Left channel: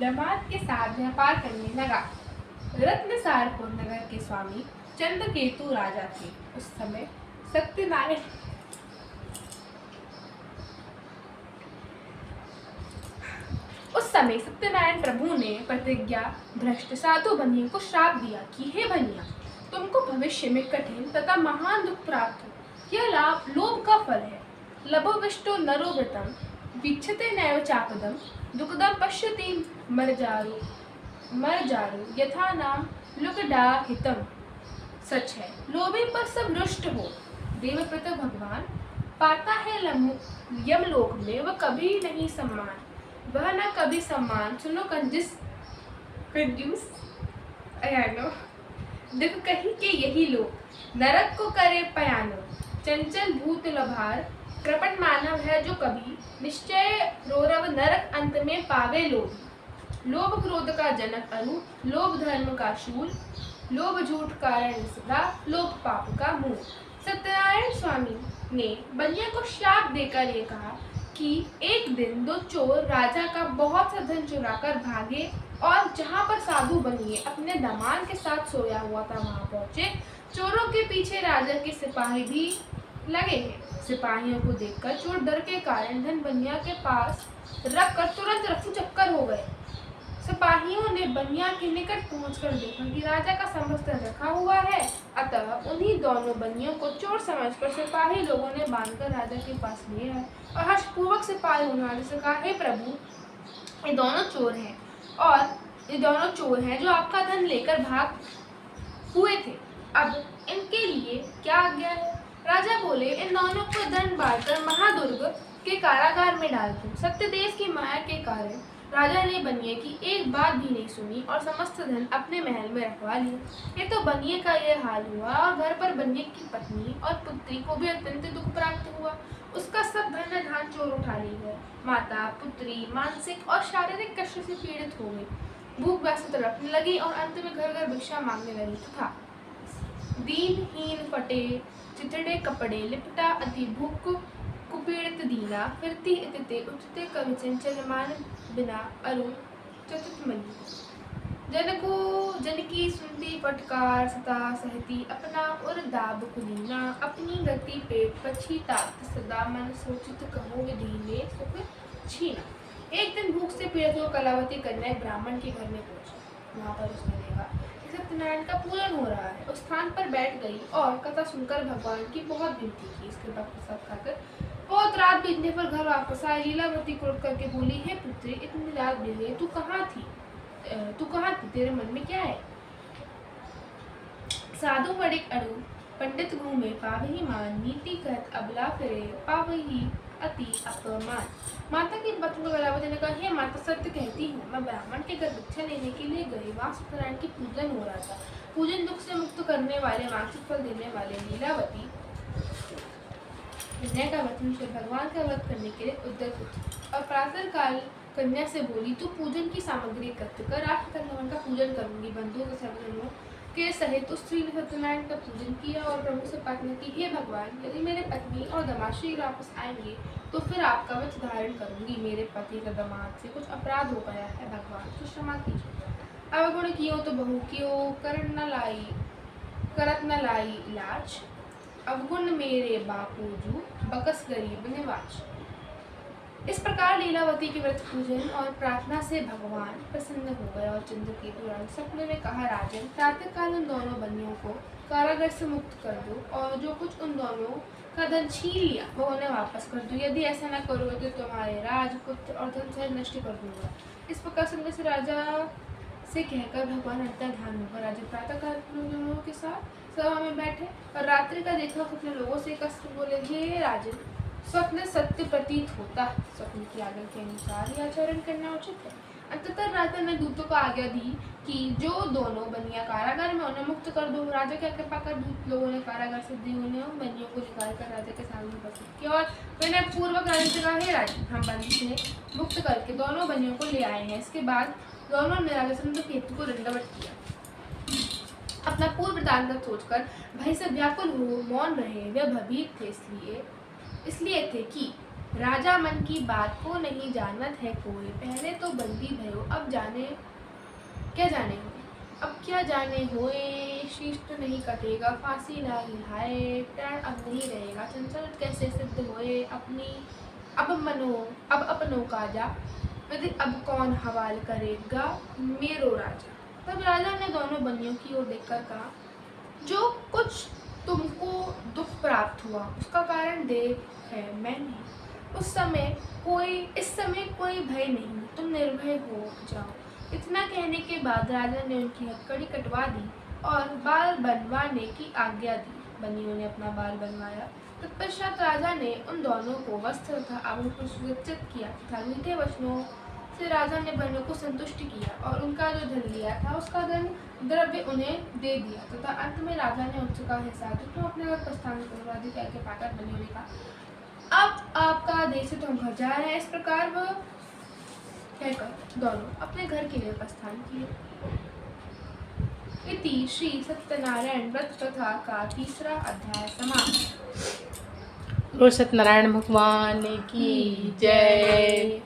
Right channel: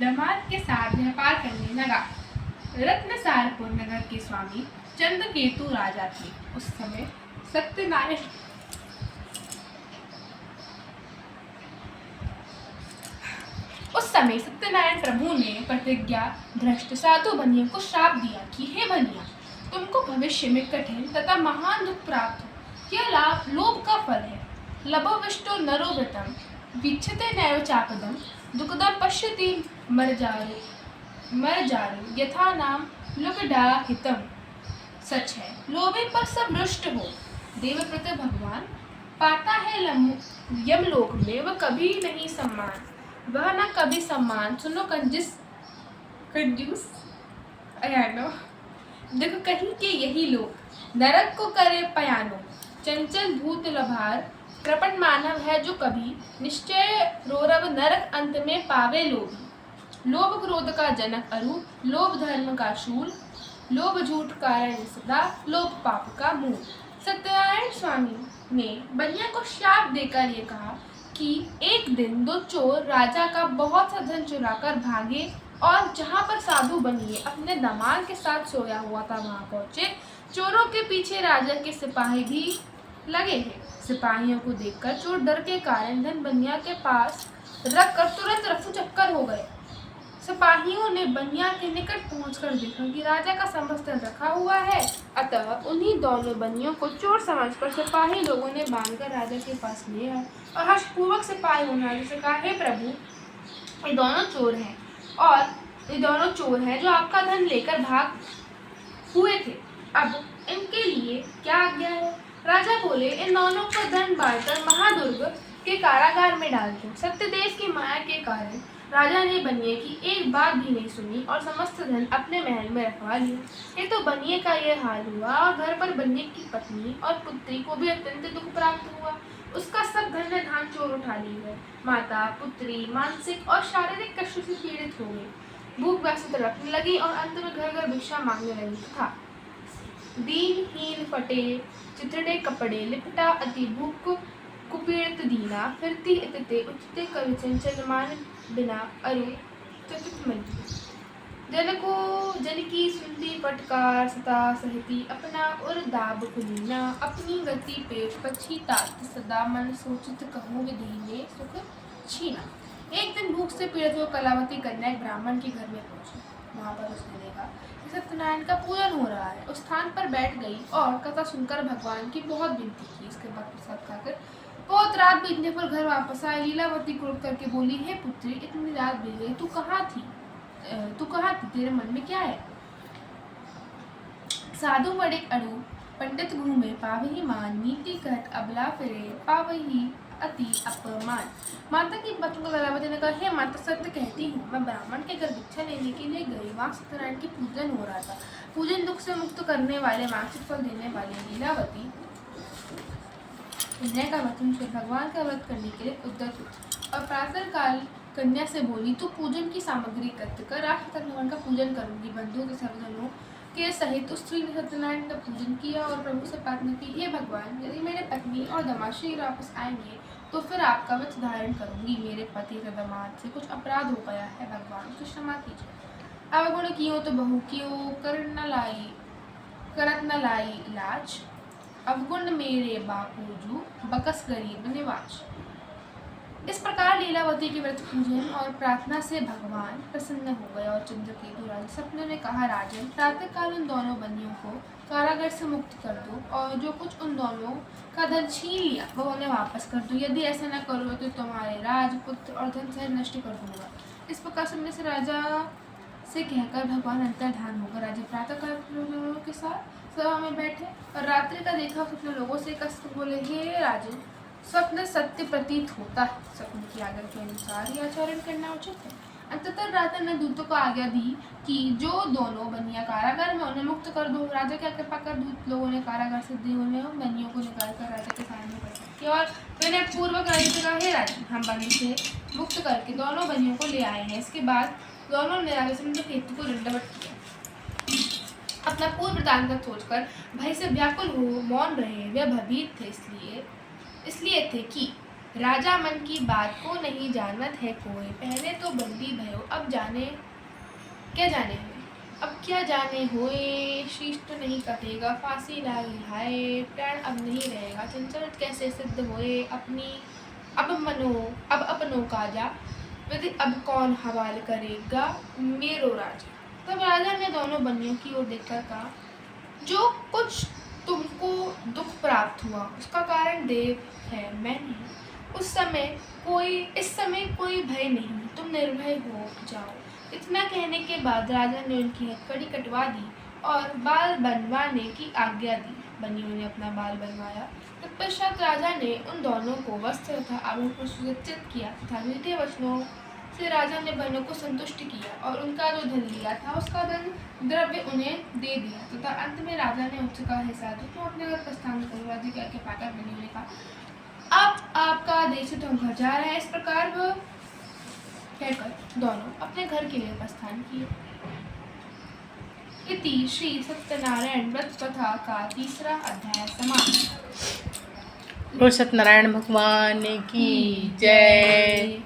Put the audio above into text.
दामाद के साथ व्यापार करने लगा। रत्नसारपुर नगर के स्वामी चंद्रकेतु राजा थे। उस समय सत्यनारायण प्रभु ने प्रतिज्ञा भ्रष्ट साधु बनियों को श्राप दिया कि हे बनिया, तुमको भविष्य में कठिन तथा महान दुख प्राप्त हो। यह लाभ लोभ का फल है। लभोविष्टो नरोव्रतम वीक्षते नैव चापदम दुःखदम पश्यति मर्जारु यथा नाम लुकडाहितम। सच है, लोभे पर सब रुष्ट हो। देवव्रत भगवान पाता है यमलोक में वह कभी नहीं सम्मान, वह न कभी सम्मान। सुनो कंजूस अयानो, दुख कहीं के यही लोग नरक को करे पयानो। चंचल भूत लभार कृपण मानव है जो कभी निश्चय रोरव नरक अंत में पावे लोभी। लोभ क्रोध का जनक अरु, लोभ धर्म का शूल, लोभ झूठ कारण सदा, लोभ पाप का मूल। सत्यनारायण स्वामी ने बनिया को शाप देकर ये कहा कि एक दिन दो चोर राजा का बहुत सा धन चुराकर भागे और जहाँ पर साधु बनिए अपने दामाद के साथ सोया हुआ था वहां पहुंचे। चोरों के पीछे राजा के सिपाही भी लगे हैं। सिपाहियों को देखकर चोर डर के कारण धन बनिया के पास रखकर तुरंत रफू चक्कर हो गए। सिपाहियों ने बनिया के निकट पहुंचकर देखा कि राजा का समस्त धन रखा हुआ है। अतः उन्हीं दोनों बनियों को चोर समझकर सिपाही लोगों ने बांधकर राजा के पास ले आए और हर्षपूर्वक सिपाहियों ने राजा से कहा, हे प्रभु, ये दोनों चोर हैं जो आपका धन लेकर भाग हुए थे। अब इनके लिए क्या आज्ञा है? राजा बोले, इन दोनों को धन बांटकर महादुर्ग के कारागार में डाल दो। सत्यदेव की माया के कारण राजा ने बनिए की एक बात भी नहीं सुनी और समस्त धन अपने महल में रखवा लिया। ये तो बनिए का ये हाल हुआ और घर पर बनिए की पत्नी और पुत्री को भी अत्यंत दुख प्राप्त हुआ। उसका सब धन धान चोर उठा ली है। माता पुत्री मानसिक और शारीरिक कष्ट से पीड़ित हो गई, भूख प्यास तड़पने लगी और अंत में घर घर भिक्षा मांगने लगी तथा दीनहीन फटे चिथड़े कपड़े लिपटा अति भूख कुपीड़ित दीना फिरती इतते उचते कवि चंचल मान बिना अरु चतुत मली। जन की सुनती फटकार सता सहती अपना उर दाब कुलीना। अपनी गति पेट पछी ताकत सदा मन सोचित कहो विधि ने सुख छीना। एक दिन भूख से पीड़ित हुई कलावती कन्या एक ब्राह्मण के घर में पहुंची। वहां पर उसने देखा कि सत्यनारायण का पूजन हो रहा है। उस स्थान पर बैठ गई और कथा सुनकर भगवान की बहुत विनती की। इसके बाद प्रसाद खाकर बहुत रात बीतने पर घर वापस आई। लीलावती क्रोध करके बोली, हे पुत्री, इतनी रात बीत गई, तू कहाँ थी? तेरे मन में क्या है? साधु वड़िक अड़ु पंडित घूमे पावही मान, नीति कहत अबला फिरे पावही अति अपमान। माता की पत्नी को लीलावती ने कहा, हे माता, सत्य कहती हूँ, मैं ब्राह्मण के घर भिक्षा लेने के लिए गई। वहाँ सत्यनारायण की पूजन हो रहा था। पूजन दुख से मुक्त करने वाले, मानसिक फल देने वाले लीलावती कन्या का व्रत भगवान का व्रत करने के लिए उद्यत हुई और प्रातः काल कन्या से बोली, तू पूजन की सामग्री एकत्र कर, आज भगवान का पूजन करूंगी। बंधुओं के सर्वजनों के सहित उस स्त्री ने सत्यनारायण का पूजन किया और प्रभु से प्रार्थना की, हे भगवान, यदि मेरे पत्नी और दामाद शीघ्र वापस आएंगे तो फिर आपका वच धारण करूंगी। मेरे पति तथा दामाद से कुछ अपराध हो गया है, भगवान उसे क्षमा कीजिए। अवगुण कियो तो बहु कियो, करत न लाई लाज। अवगुण मेरे बापूजू, बकस गरीब निवाज। इस प्रकार लीलावती के व्रत पूजन और प्रार्थना से भगवान प्रसन्न हो गए और चंद्रकेतु राजा सपने में कहा, राजन, प्रातः काल उन दोनों बनियों को कारागार से मुक्त कर दो और जो कुछ उन दोनों का धन छीन लिया वह उन्हें वापस कर दो। यदि ऐसा न करोगे तो तुम्हारे राजपुत्र और धन सहित नष्ट कर दूंगा। इस प्रकार सुनने से राजा से कहकर भगवान अंतर्धान होकर राजा प्रातः काल लोगों के साथ सभा में बैठे और रात्रि का देखा स्वप्न लोगों से कष्ट बोले, हे राजन, स्वप्न सत्य प्रतीत होता है। स्वप्न की आज्ञा के अनुसार ही आचरण करना उचित है। अंततः राजा ने दूतों को आज्ञा दी कि जो दोनों बनिया कारागार में उन्हें मुक्त कर दो। राजा की आज्ञा पाकर दूत लोगों ने कारागार से उन्हें बनियों को निकालकर राजा के सामने प्रस्तुत किया और विनय पूर्वक राजा से कहा, हे राजन, हम बंदी से मुक्त करके दोनों बनियों को ले आए हैं। इसके बाद दोनों ने राजा चंद्रकेतु को दंडवत किया। अपना पूर्व वृतांत सोचकर भय से व्याकुल हो मौन रहे। वे भयभीत थे इसलिए थे कि राजा मन की बात को नहीं जानत है कोई, पहले तो बंदी भयो अब जाने क्या जाने होए। अब क्या जाने होए, शीश तो नहीं कटेगा, फांसी लागी हाय, प्राण अब नहीं रहेगा, चंचल कैसे सिद्ध होए अपनी, अब अपनों काजा, विधि अब कौन हवाल करेगा मेरो राजा। तब राजा ने दोनों बंदियों की ओर देखकर कहा, जो कुछ तुमको दुख प्राप्त हुआ उसका कारण देव है, मैं नहीं। इस समय कोई भय नहीं, तुम निर्भय हो जाओ। इतना कहने के बाद राजा ने उनकी हथकड़ी कटवा दी और बाल बनवाने की आज्ञा दी। बनियों ने अपना बाल बनवाया। तत्पश्चात राजा ने उन दोनों को वस्त्र तथा आभूषण सुसज्जित किया तथा मीठे वचनों से राजा ने बनियों को संतुष्ट किया और उनका जो धन लिया था उसका धन द्रव्य उन्हें दे दिया तथा अंत में राजा ने उनसे कहा, तुम अपने घर प्रस्थान करके पाकर बनियों ने कहा, अब आपका आदेश है तो हम घर जा रहे हैं। इस प्रकार वह कहकर दोनों अपने घर के लिए प्रस्थान किए। इति श्री सत्यनारायण व्रत कथा का तीसरा अध्याय समाप्त। बोल सत्यनारायण भगवान की जय।